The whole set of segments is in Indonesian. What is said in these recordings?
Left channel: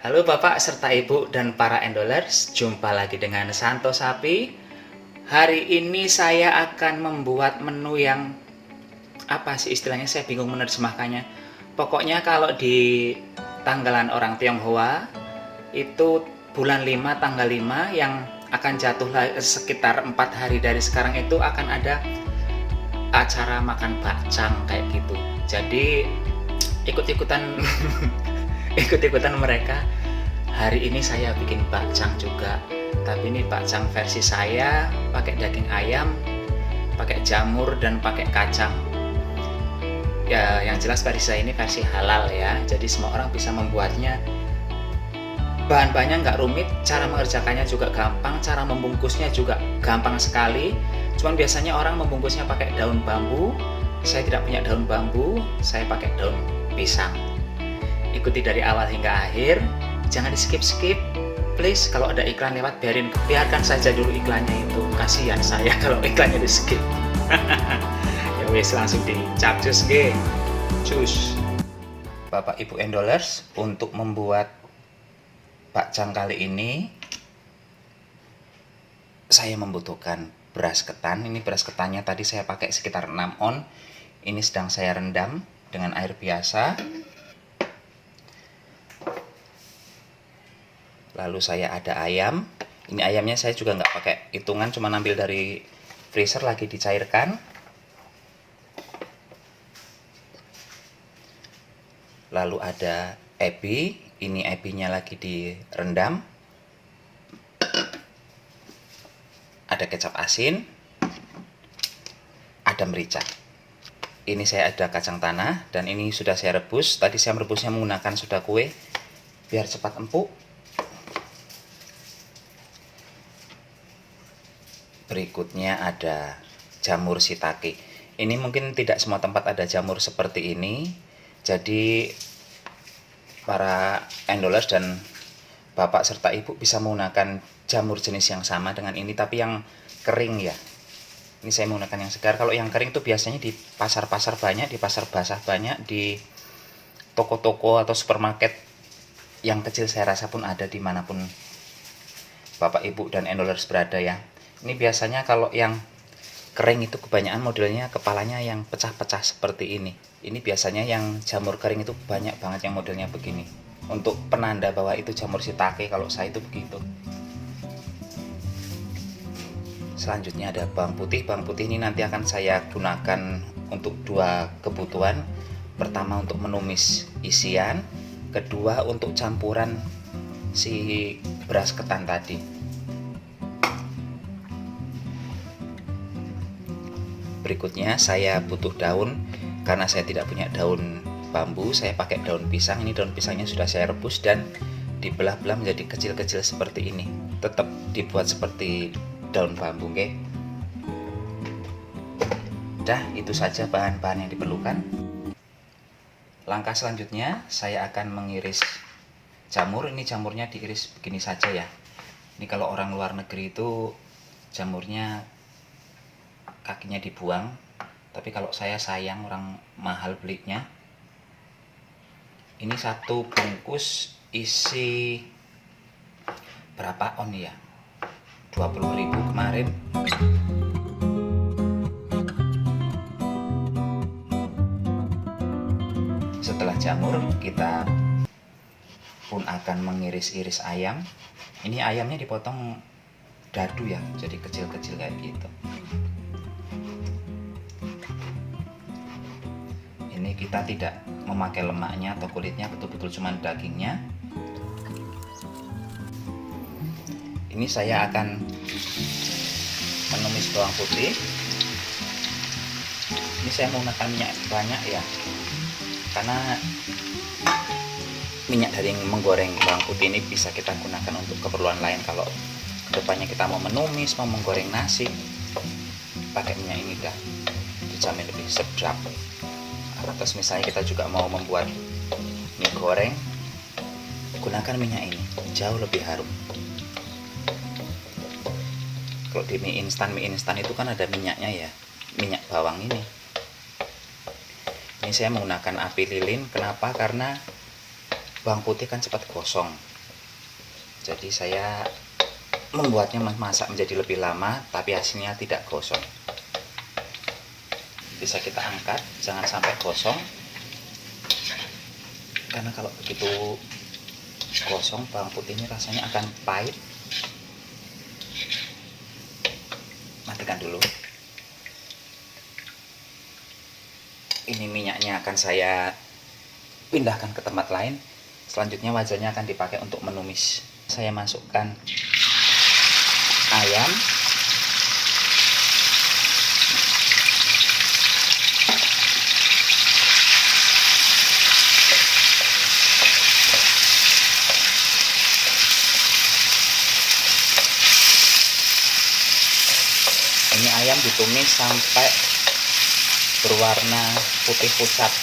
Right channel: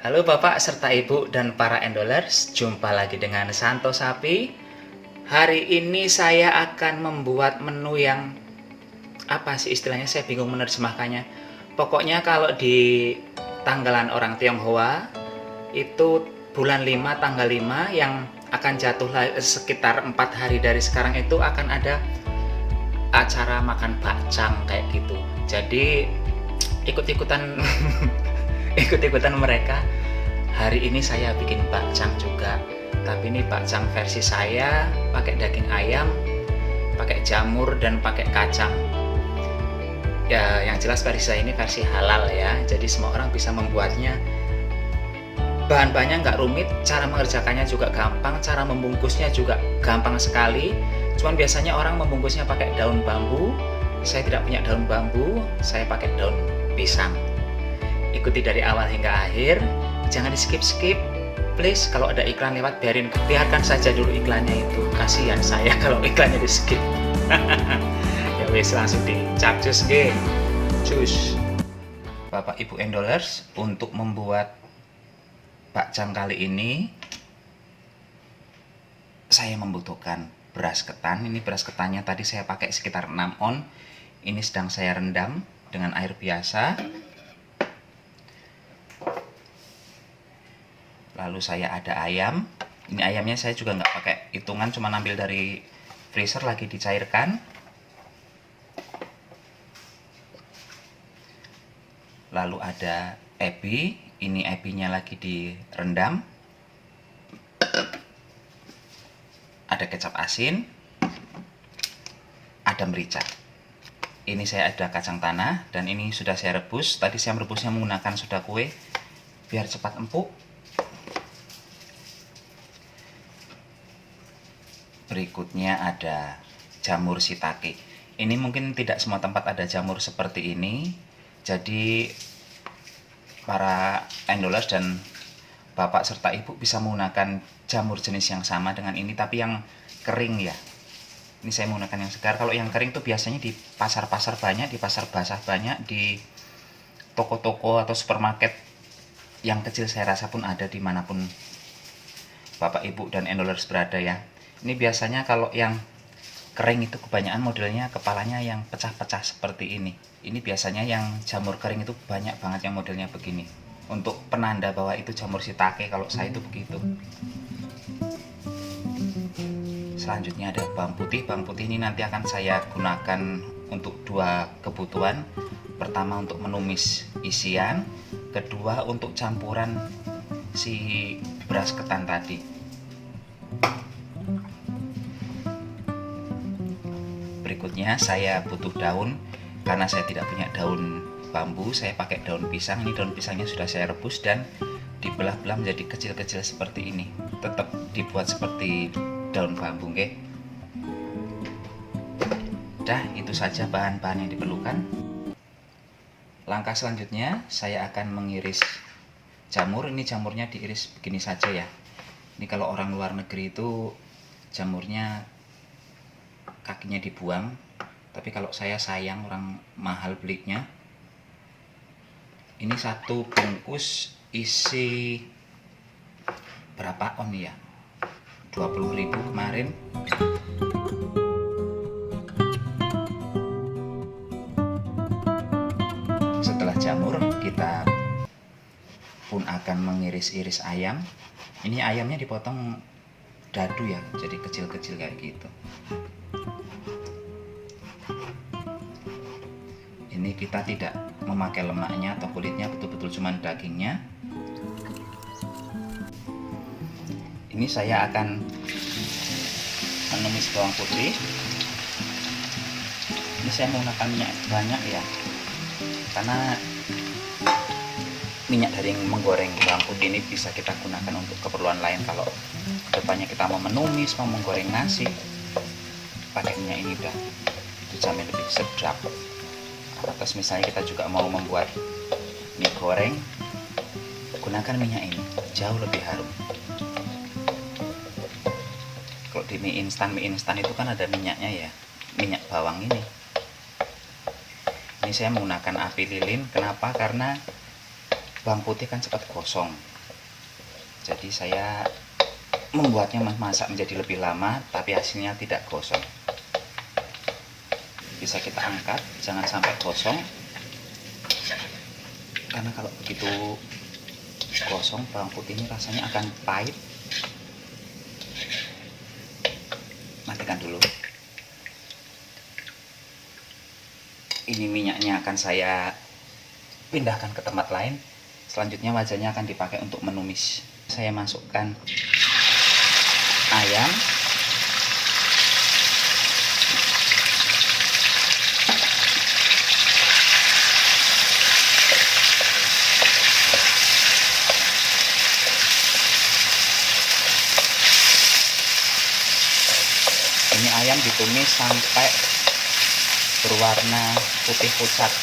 Halo Bapak serta Ibu dan para endolers, jumpa lagi dengan Santo Sapi. Hari ini saya akan membuat menu yang apa sih istilahnya, saya bingung menerjemahkannya. Pokoknya kalau di tanggalan orang Tionghoa itu bulan 5 tanggal 5 yang akan jatuh sekitar 4 hari dari sekarang itu akan ada acara makan bakcang kayak gitu. Jadi ikut-ikutan ikut-ikutan mereka. Hari ini saya bikin bakcang juga, tapi ini bakcang versi saya pakai daging ayam, pakai jamur dan pakai kacang. Ya, yang jelas versi saya ini versi halal ya, jadi semua orang bisa membuatnya. Bahan-bahannya nggak rumit, cara mengerjakannya juga gampang, cara membungkusnya juga gampang sekali. Cuman biasanya orang membungkusnya pakai daun bambu. Saya tidak punya daun bambu, saya pakai daun pisang. Ikuti dari awal hingga akhir, jangan di skip please. Kalau ada iklan lewat, biarkan saja dulu iklannya itu, kasihan saya kalau iklannya di skip. Ya wis, langsung dicapcus ge cus. Bapak Ibu endolers, untuk membuat bakcang kali ini saya membutuhkan beras ketan. Ini beras ketannya tadi saya pakai sekitar 6 on. Ini sedang saya rendam dengan air biasa. Lalu saya ada ayam. Ini ayamnya saya juga nggak pakai hitungan, cuma ambil dari freezer lagi dicairkan. Lalu ada ebi. Ini ebinya lagi direndam. Ada kecap asin. Ada merica. Ini saya ada kacang tanah dan ini sudah saya rebus. Tadi saya merebusnya menggunakan soda kue biar cepat empuk. Berikutnya ada jamur shiitake. Ini mungkin tidak semua tempat ada jamur seperti ini. Jadi para endolers dan Bapak serta Ibu bisa menggunakan jamur jenis yang sama dengan ini, tapi yang kering ya. Ini saya menggunakan yang segar. Kalau yang kering tuh biasanya di pasar-pasar banyak, di pasar basah banyak, di toko-toko atau supermarket yang kecil saya rasa pun ada dimanapun Bapak Ibu dan endolers berada ya. Ini biasanya kalau yang kering itu kebanyakan modelnya kepalanya yang pecah-pecah seperti ini. Ini biasanya yang jamur kering itu banyak banget yang modelnya begini. Untuk penanda bahwa itu jamur shiitake, kalau saya itu begitu. Selanjutnya ada bawang putih. Bawang putih ini nanti akan saya gunakan untuk dua kebutuhan. Pertama untuk menumis isian, kedua untuk campuran si beras ketan tadi. Berikutnya saya butuh daun. Karena saya tidak punya daun bambu, saya pakai daun pisang. Ini daun pisangnya sudah saya rebus dan dibelah-belah menjadi kecil-kecil seperti ini. Tetap dibuat seperti daun bambu, oke? Dah, itu saja bahan-bahan yang diperlukan. Langkah selanjutnya saya akan mengiris jamur. Ini jamurnya diiris begini saja ya. Ini kalau orang luar negeri itu jamurnya kakinya dibuang, tapi kalau saya sayang, orang mahal belinya. Ini satu bungkus isi berapa on ya, 20.000 kemarin. Setelah jamur, kita pun akan mengiris-iris ayam. Ini ayamnya dipotong dadu ya, jadi kecil-kecil kayak gitu. Ini kita tidak memakai lemaknya atau kulitnya, betul-betul cuma dagingnya. Ini saya akan menumis bawang putih. Ini saya menggunakan minyak banyak ya, karena minyak dari menggoreng bawang putih ini bisa kita gunakan untuk keperluan lain. Kalau depannya kita mau menumis, mau menggoreng nasi, pakai minyak ini udah dijamin lebih sedap. Terus misalnya kita juga mau membuat mie goreng, gunakan minyak ini, jauh lebih harum. Kalau di mie instan itu kan ada minyaknya ya, minyak bawang ini. Ini saya menggunakan api lilin. Kenapa? Karena bawang putih kan cepat gosong, jadi saya membuatnya masak menjadi lebih lama tapi hasilnya tidak gosong. Bisa kita angkat, jangan sampai gosong, karena kalau begitu gosong bawang putih ini rasanya akan pahit. Matikan dulu. Ini minyaknya akan saya pindahkan ke tempat lain. Selanjutnya wajannya akan dipakai untuk menumis. Saya masukkan ayam, ini ayam ditumis sampai berwarna putih pucat.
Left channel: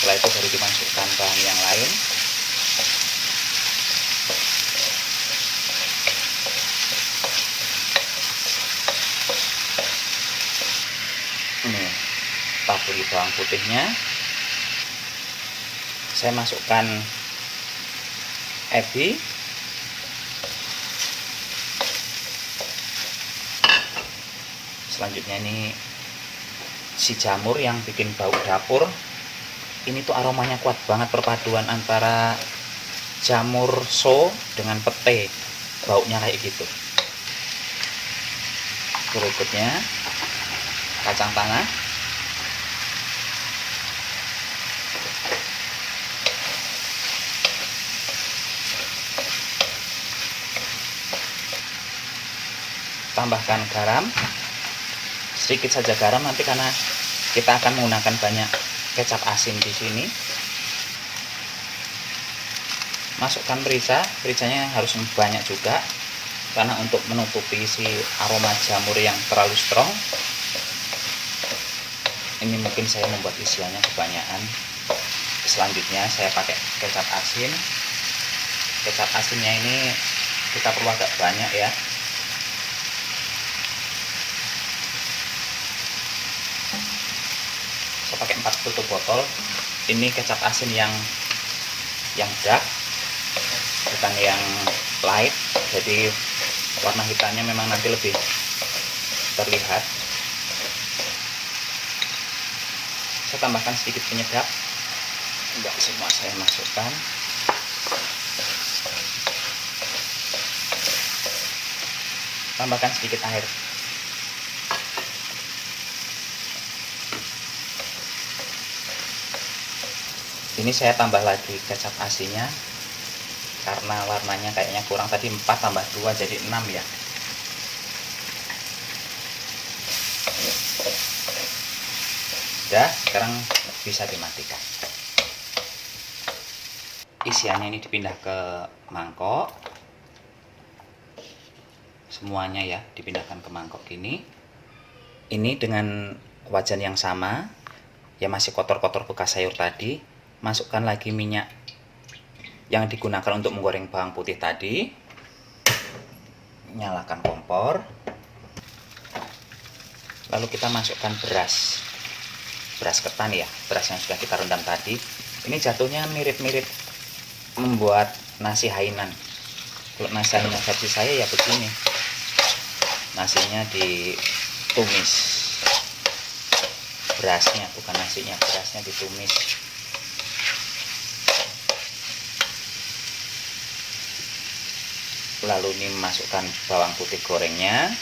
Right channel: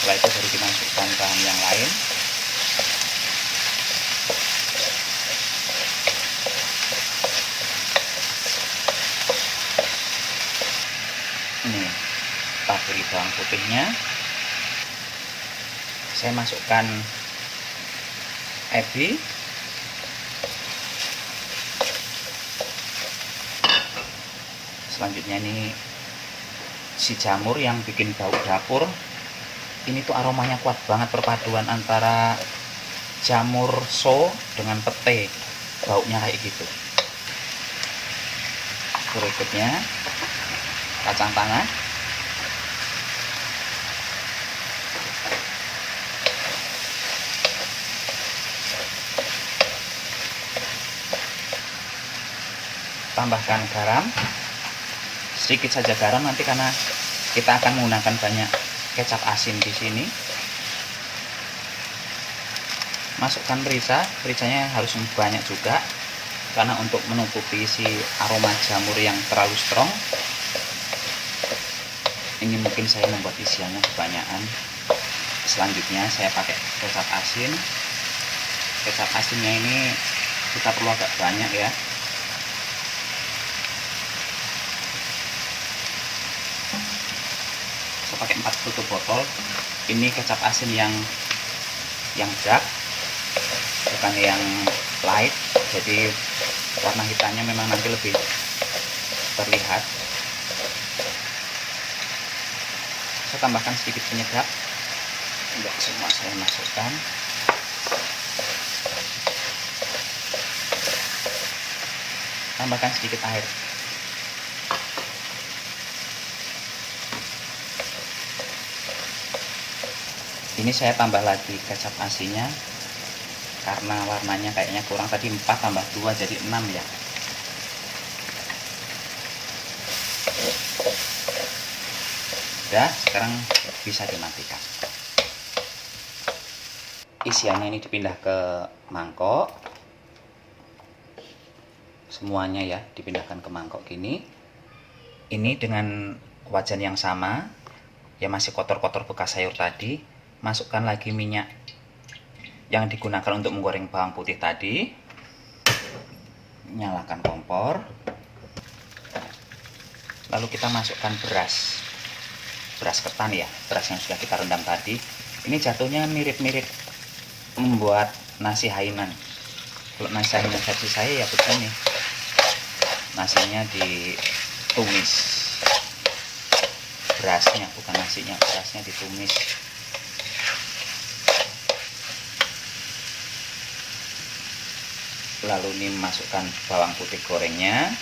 Setelah itu baru dimasukkan bahan yang lain. Ini taburi bawang putihnya. Saya masukkan ebi, selanjutnya ini si jamur yang bikin bau dapur. Ini tuh aromanya kuat banget, perpaduan antara jamur so dengan pete, baunya kayak gitu. Berikutnya kacang tanah, tambahkan garam, sedikit saja garam nanti karena kita akan menggunakan banyak kecap asin di sini. Masukkan merica, mericanya harus banyak juga karena untuk menutupi si aroma jamur yang terlalu strong. Ini mungkin saya membuat isiannya kebanyakan. Selanjutnya saya pakai kecap asin. Kecap asinnya ini kita perlu agak banyak ya. Saya pakai 4 tutup botol. Ini kecap asin yang dark, bukan yang light, jadi warna hitamnya memang nanti lebih terlihat. Saya tambahkan sedikit penyedap, enggak semua saya masukkan. Tambahkan sedikit air. Ini saya tambah lagi kecap asinnya karena warnanya kayaknya kurang, tadi 4 tambah 2 jadi 6 ya. Ya, sekarang bisa dimatikan. Isiannya ini dipindah ke mangkok. Semuanya ya dipindahkan ke mangkok gini. Ini dengan wajan yang sama, ya masih kotor-kotor bekas sayur tadi. Masukkan lagi minyak yang digunakan untuk menggoreng bawang putih tadi. Nyalakan kompor. Lalu kita masukkan beras ketan ya, beras yang sudah kita rendam tadi. Ini jatuhnya mirip-mirip membuat nasi hainan. Kalau nasi hainan versi saya ya begini, nasinya ditumis, berasnya bukan nasinya, berasnya ditumis. Lalu ini masukkan bawang putih gorengnya.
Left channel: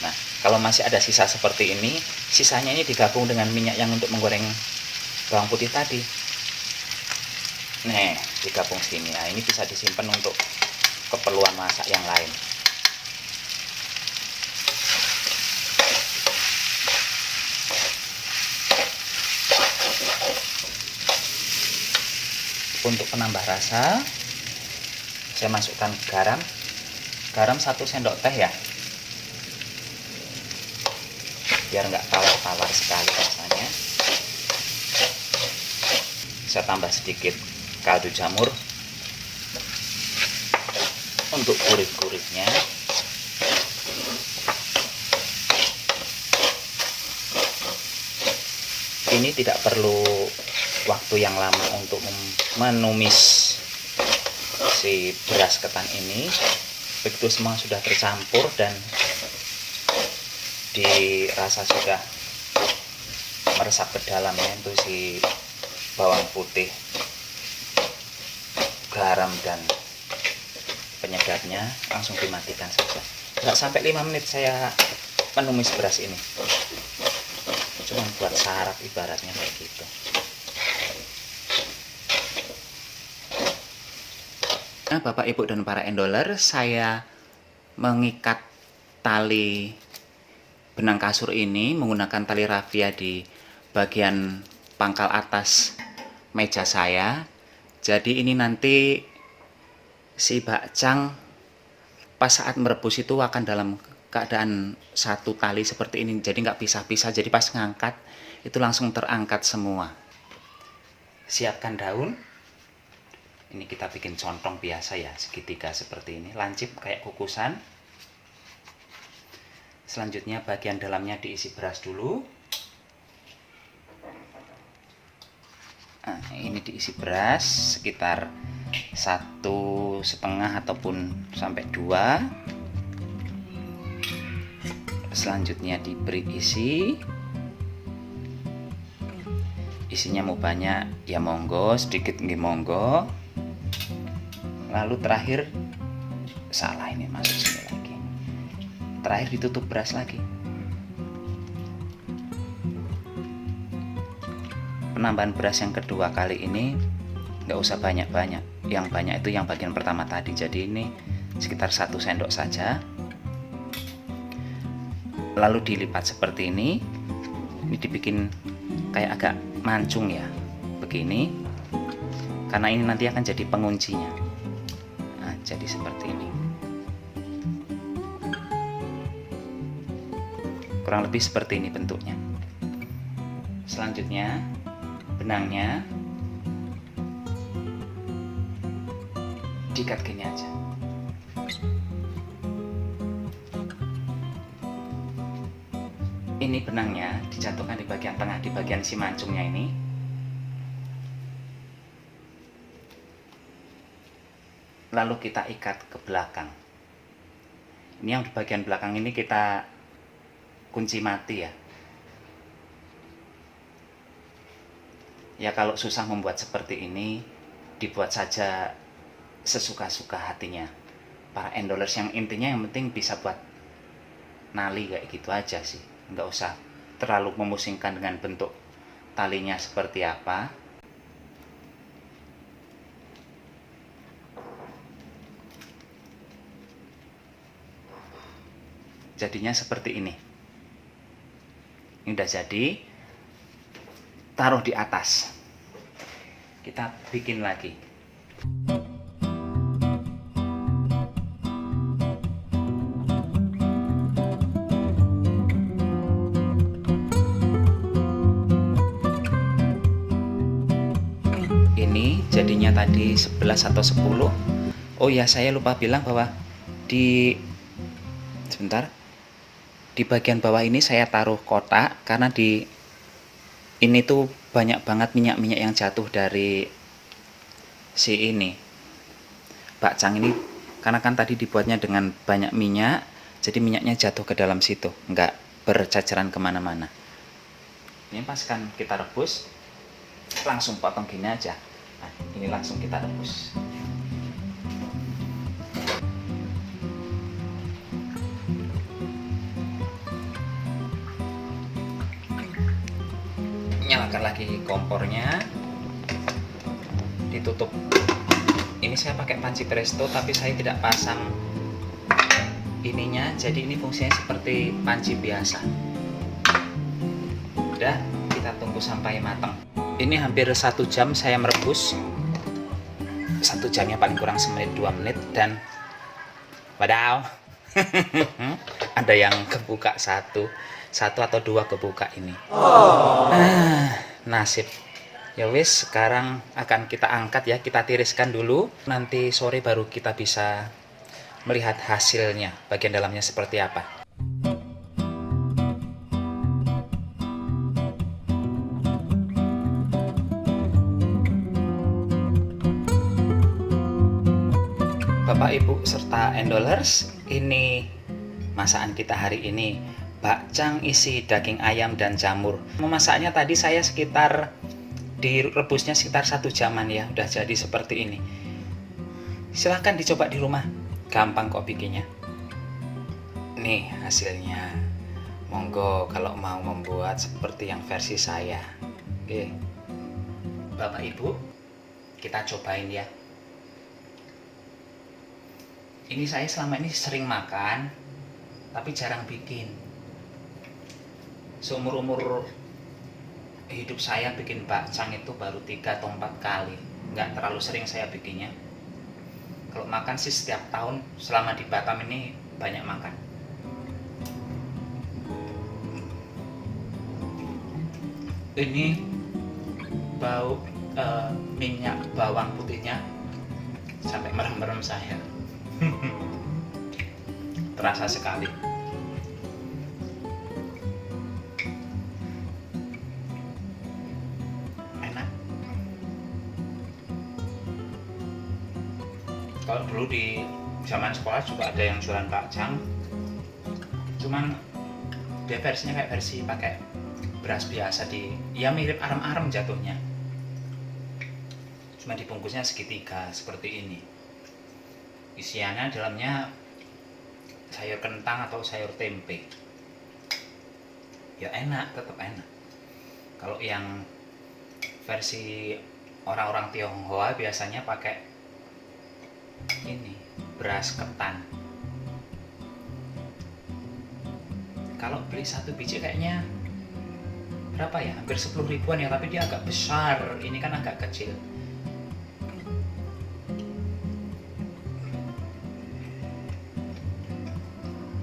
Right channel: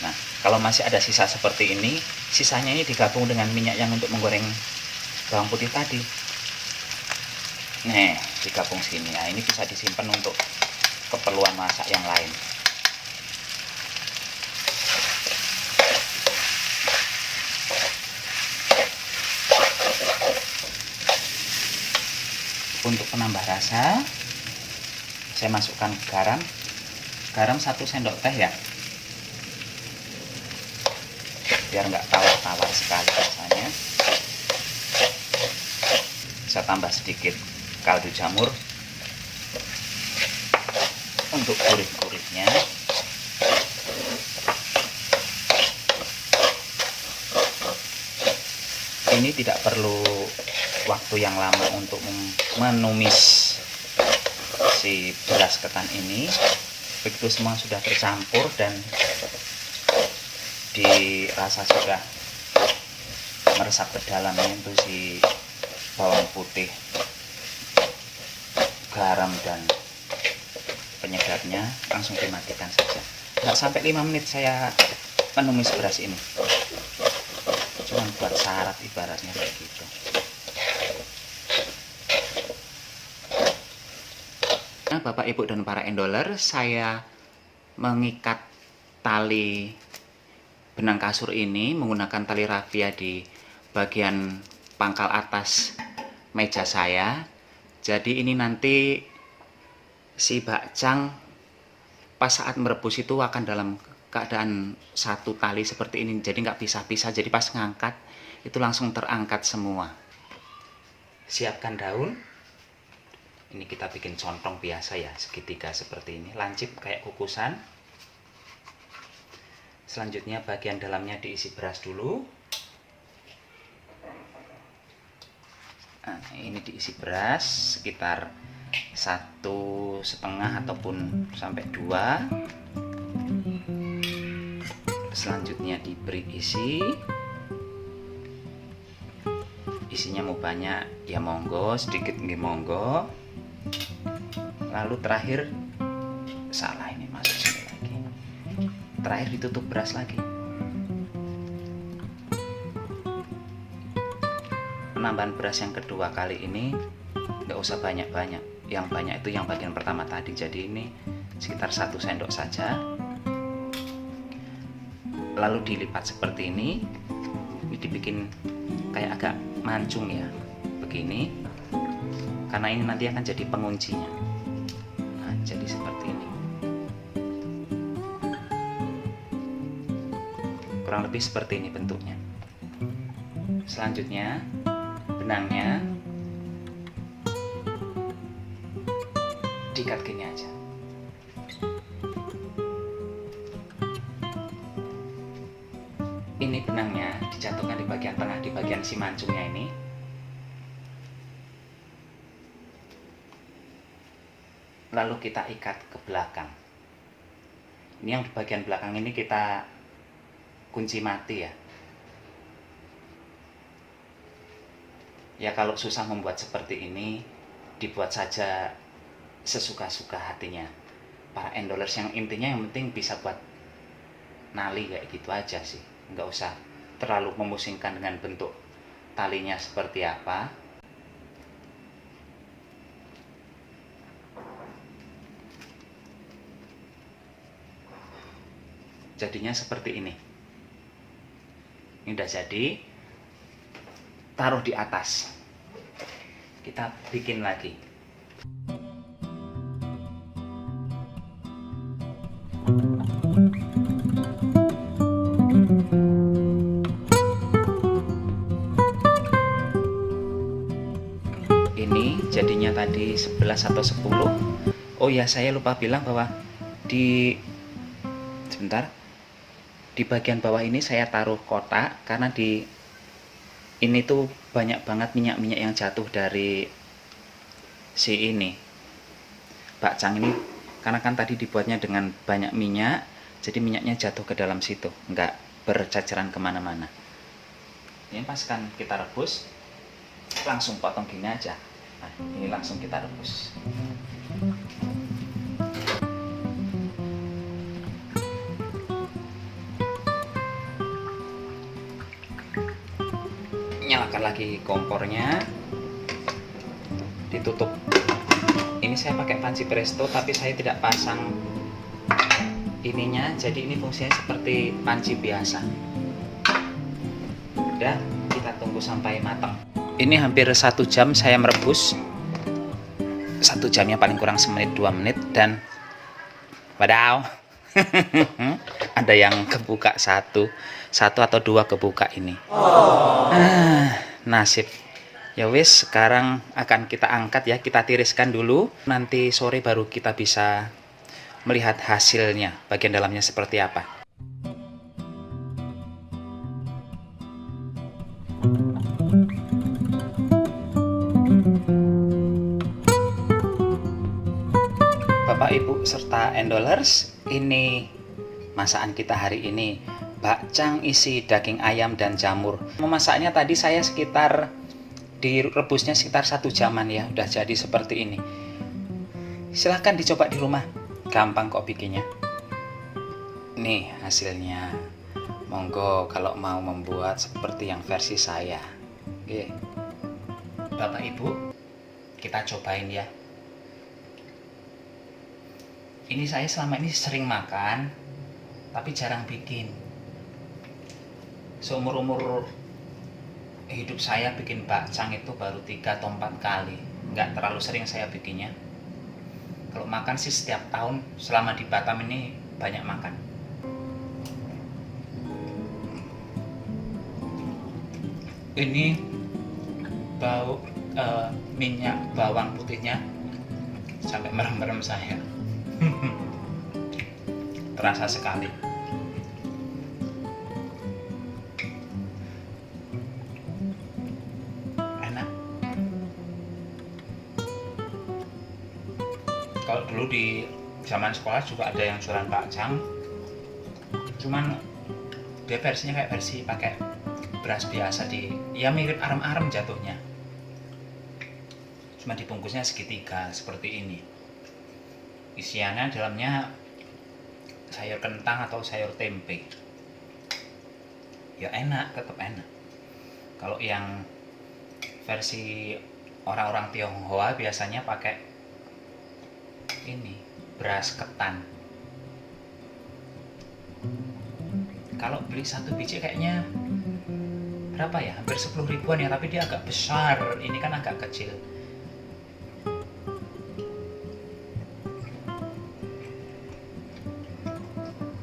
Nah, kalau masih ada sisa seperti ini, sisanya ini digabung dengan minyak yang untuk menggoreng bawang putih tadi. Nih, digabung sini. Nah, ini bisa disimpan untuk keperluan masak yang lain. Untuk penambah rasa, saya masukkan garam 1 sendok teh ya, biar nggak tawar-tawar sekali rasanya. Saya tambah sedikit kaldu jamur untuk gurih-gurihnya. Ini tidak perlu waktu yang lama untuk menumis si beras ketan ini. Begitu semua sudah tercampur dan dirasa sudah meresap ke dalamnya itu si bawang putih, garam dan penyedapnya, langsung dimatikan saja. Nggak sampai 5 menit saya menumis beras ini, cuma buat syarat ibaratnya kayak gitu. Nah, Bapak, Ibu, dan para endoler, saya mengikat tali benang kasur ini menggunakan tali rafia di bagian pangkal atas meja saya. Jadi ini nanti si bakcang pas saat merebus itu akan dalam keadaan satu tali seperti ini, jadi nggak pisah-pisah. Jadi pas ngangkat itu langsung terangkat semua. Siapkan daun. Ini kita bikin contong biasa ya, segitiga seperti ini, lancip kayak kukusan. Selanjutnya bagian dalamnya diisi beras dulu. Nah, ini diisi beras sekitar 1,5 ataupun sampai 2. Selanjutnya diberi isinya mau banyak ya monggo, sedikit nggih monggo. Lalu terakhir salah, ini masuk sini lagi. Terakhir ditutup beras lagi. Penambahan beras yang kedua kali ini nggak usah banyak-banyak. Yang banyak itu yang bagian pertama tadi. Jadi ini sekitar 1 sendok saja. Lalu dilipat seperti ini. Ini dibikin kayak agak mancung ya, begini. Karena ini nanti akan jadi penguncinya. Nah, jadi seperti ini. Kurang lebih seperti ini bentuknya. Selanjutnya benangnya diikat gini aja. Ini benangnya dijatuhkan di bagian tengah, di bagian si mancungnya ini. Lalu kita ikat ke belakang. Ini yang di bagian belakang ini kita kunci mati ya. Ya kalau susah membuat seperti ini, dibuat saja sesuka-suka hatinya para endolers. Yang intinya yang penting bisa buat nali kayak gitu aja sih. Nggak usah terlalu memusingkan dengan bentuk talinya seperti apa. Jadinya seperti ini. Ini udah jadi. Taruh di atas. Kita bikin lagi. Ini jadinya tadi 11 atau 10. Oh ya, saya lupa bilang bahwa di bagian bawah ini saya taruh kotak karena di ini tuh banyak banget minyak-minyak yang jatuh dari si ini bakcang ini, karena kan tadi dibuatnya dengan banyak minyak, jadi minyaknya jatuh ke dalam situ, nggak bercaceran kemana-mana. Ini pas kan kita rebus langsung potong gini aja. Nah, ini langsung kita rebus. Nyalakan lagi kompornya, ditutup. Ini saya pakai panci presto tapi saya tidak pasang ininya, jadi ini fungsinya seperti panci biasa. Udah, kita tunggu sampai matang. Ini hampir 1 jam saya merebus. 1 jamnya paling kurang semenit 2 menit dan wadaw. Ada yang kebuka satu atau 2 kebuka ini. Nasib. Ya wis, sekarang akan kita angkat ya, kita tiriskan dulu. Nanti sore baru kita bisa melihat hasilnya, bagian dalamnya seperti apa. Bapak, Ibu, serta endolers, ini masakan kita hari ini. Bakcang isi daging ayam dan jamur. Memasaknya tadi saya direbusnya sekitar 1 jaman ya, udah jadi seperti ini. Silahkan dicoba di rumah, gampang kok bikinnya. Nih hasilnya. Monggo kalau mau membuat seperti yang versi saya. Oke. Bapak Ibu, kita cobain ya. Ini saya selama ini sering makan, tapi jarang bikin. Seumur-umur hidup saya bikin bakcang itu baru 3 atau 4 kali. Nggak terlalu sering saya bikinnya. Kalau makan sih setiap tahun, selama di Batam ini banyak makan. Ini bau minyak bawang putihnya sampai merem-merem saya. Terasa sekali. Enak. Kalau dulu di zaman sekolah juga ada yang jualan bakcang, cuman dia versinya kayak versi pakai beras biasa, ya mirip arem-arem jatuhnya, cuma dibungkusnya segitiga seperti ini. Isiannya dalamnya sayur kentang atau sayur tempe. Ya enak, tetap enak. Kalau yang versi orang-orang Tionghoa biasanya pakai ini, beras ketan. Kalau beli 1 biji kayaknya berapa ya, hampir 10 ribuan ya, tapi dia agak besar, ini kan agak kecil.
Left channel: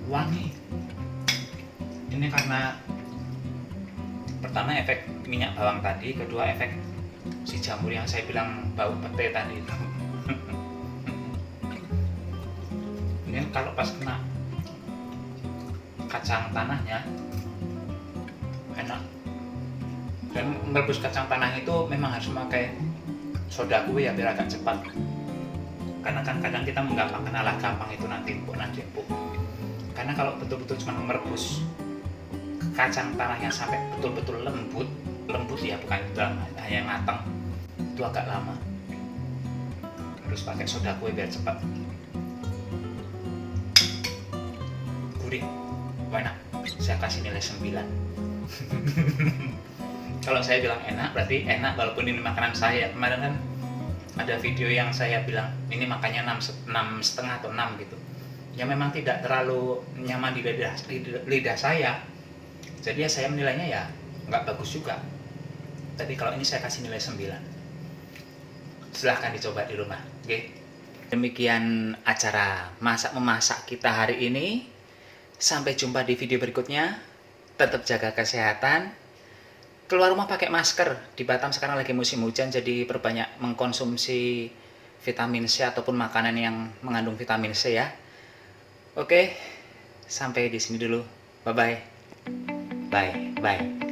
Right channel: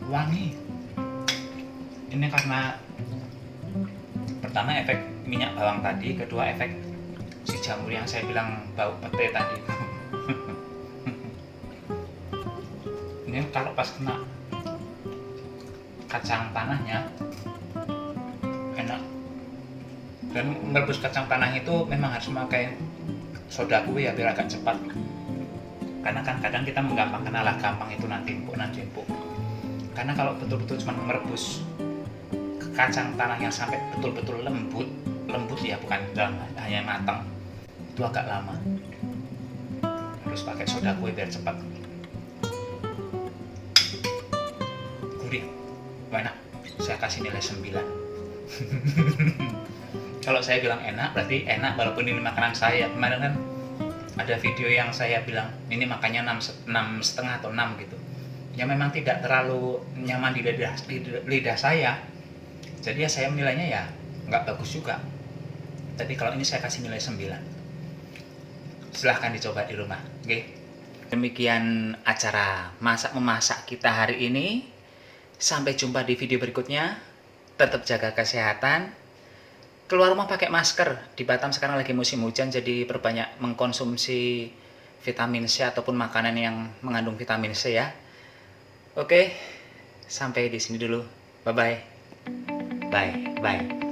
Wangi. Ini karena pertama efek minyak bawang tadi, kedua efek si jamur yang saya bilang bau pete tadi itu. Ini kalau pas kena kacang tanahnya enak. Dan merebus kacang tanah itu memang harus memakai soda kue ya, biar agak cepat. Karena kan kadang kita menggampangkan, alah gampang itu nanti empuk. Karena kalau betul-betul cuma merebus kacang tanah yang sampai betul-betul lembut ya, bukan hanya matang, itu agak lama. Harus pakai soda kue biar cepat. Gurih, enak. Saya kasih nilai 9. Kalau saya bilang enak, berarti enak walaupun ini makanan saya. Kemarin kan ada video yang saya bilang ini makannya 6,5 atau 6 gitu. Ya memang tidak terlalu nyaman di lidah saya. Jadi ya saya menilainya ya nggak bagus juga. Tapi kalau ini saya kasih nilai 9. Silahkan dicoba di rumah. Oke. Demikian acara masak-memasak kita hari ini. Sampai jumpa di video berikutnya. Tetap jaga kesehatan. Keluar rumah pakai masker. Di Batam sekarang lagi musim hujan, jadi perbanyak mengkonsumsi vitamin C ataupun makanan yang mengandung vitamin C ya. Oke, sampai di sini dulu. Bye-bye. Bye.